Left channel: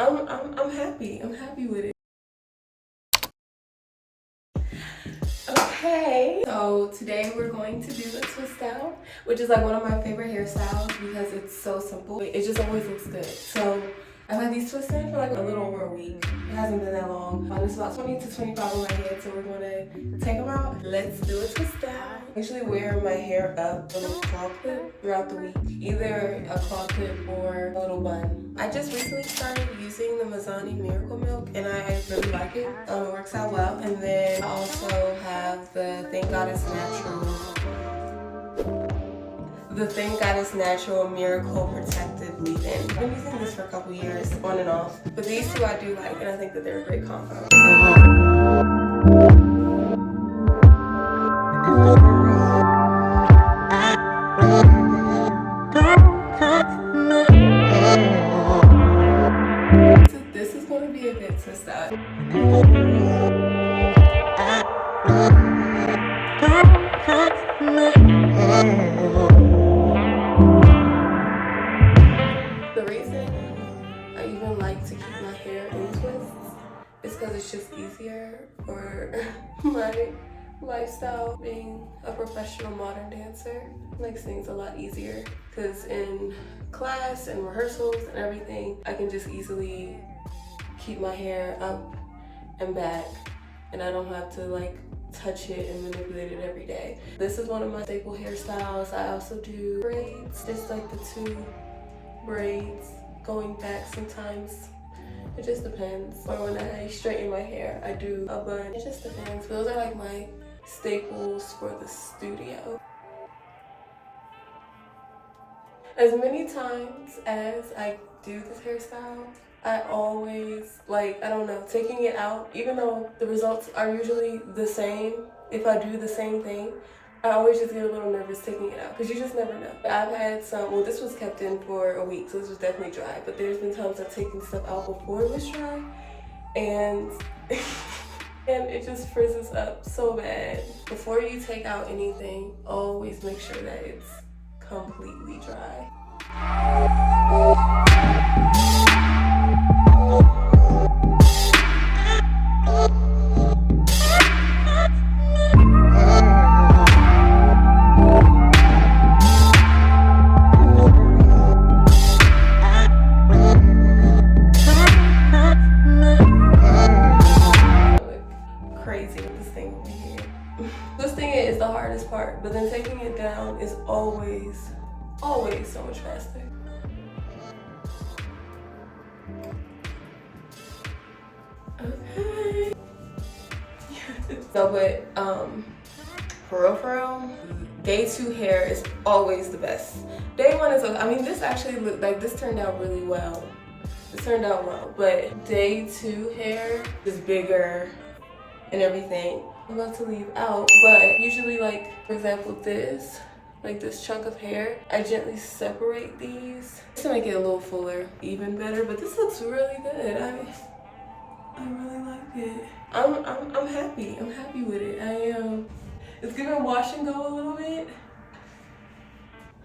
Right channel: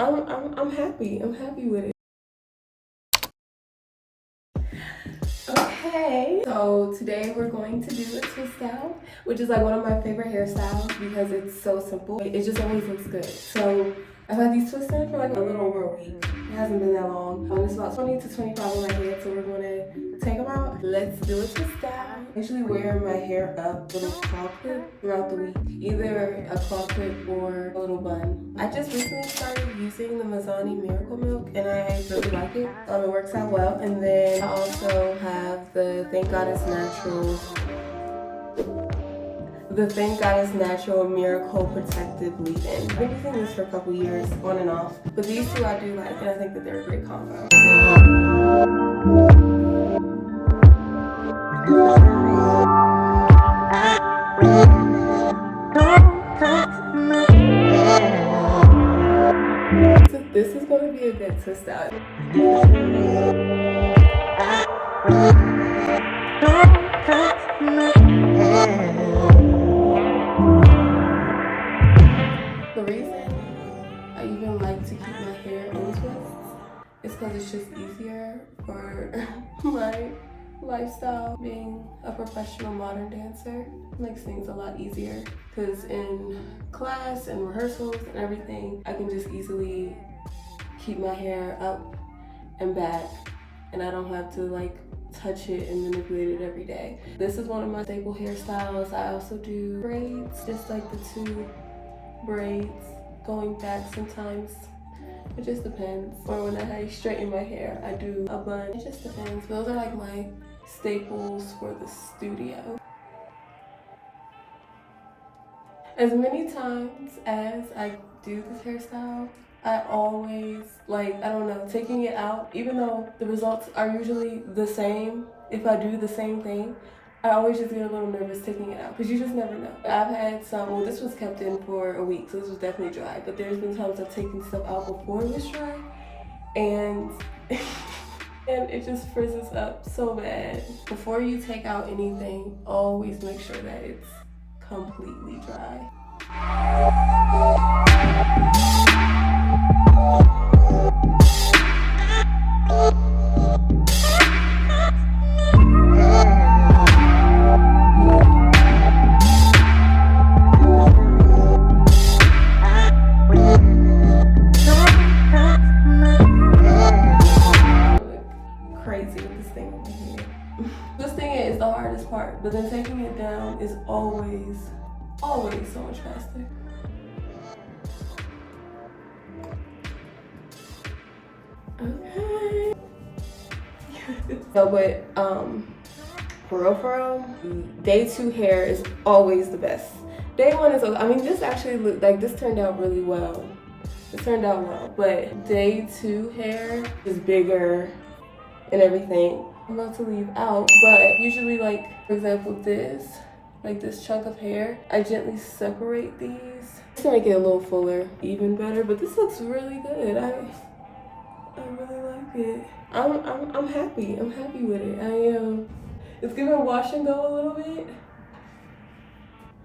I'm happy. I'm happy with it. Okay, so today we're going to do a twist out, which is like one of my favorite hairstyles because it's so simple. It just always looks good. So I've had these twists in for like a little over a week. It hasn't been that long. It's about 20 to 25 on my head, so we're gonna take them out. Let's do a twist out. I usually wear my hair up with a claw clip throughout the week, either a claw clip or a little bun. I just recently started using the Mazani Miracle Milk and I really like it. It works out well. And then I also have the Thank God It's Natural Miracle Protective Leave-In. I've been using this for a couple years, on and off. But these two I do like, and I think that they're a great combo. This is going to be a good twist out. The reason I even like to keep my hair in twists is because it's just easier for my lifestyle. Being a professional modern dancer makes things a lot easier because in class and rehearsals and everything, I can just easily keep my hair up and back and I don't have to like touch it and manipulate it every day. This is one of my staple hairstyles. I also do braids, just like the two braids going back sometimes. It just depends. Or when I straighten my hair, I do a bun. It just depends. Those are like my staples for the studio. As many times as I do this hairstyle, I always, like, I don't know, taking it out, even though the results are usually the same, if I do the same thing, I always just get a little nervous taking it out because you just never know. I've had some, well, this was kept in for a week, so this was definitely dry, but there's been times I've taken stuff out before it was dry, and and it just frizzes up so bad. Before you take out anything, always make sure that it's completely dry. But then taking it down is always so much faster. Okay. No, but for real, day 2 hair is always the best. Day 1 is, I mean, this actually looked like this turned out really well. It turned out well, but day 2 hair is bigger and everything. I'm about to leave out, but usually, like, for example, this chunk of hair, I gently separate these just to make it a little fuller, even better. But this looks really good. I really like it. I'm happy. I'm happy with it. I am. It's gonna wash and go a little bit,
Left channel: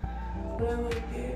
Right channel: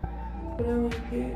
but I like it.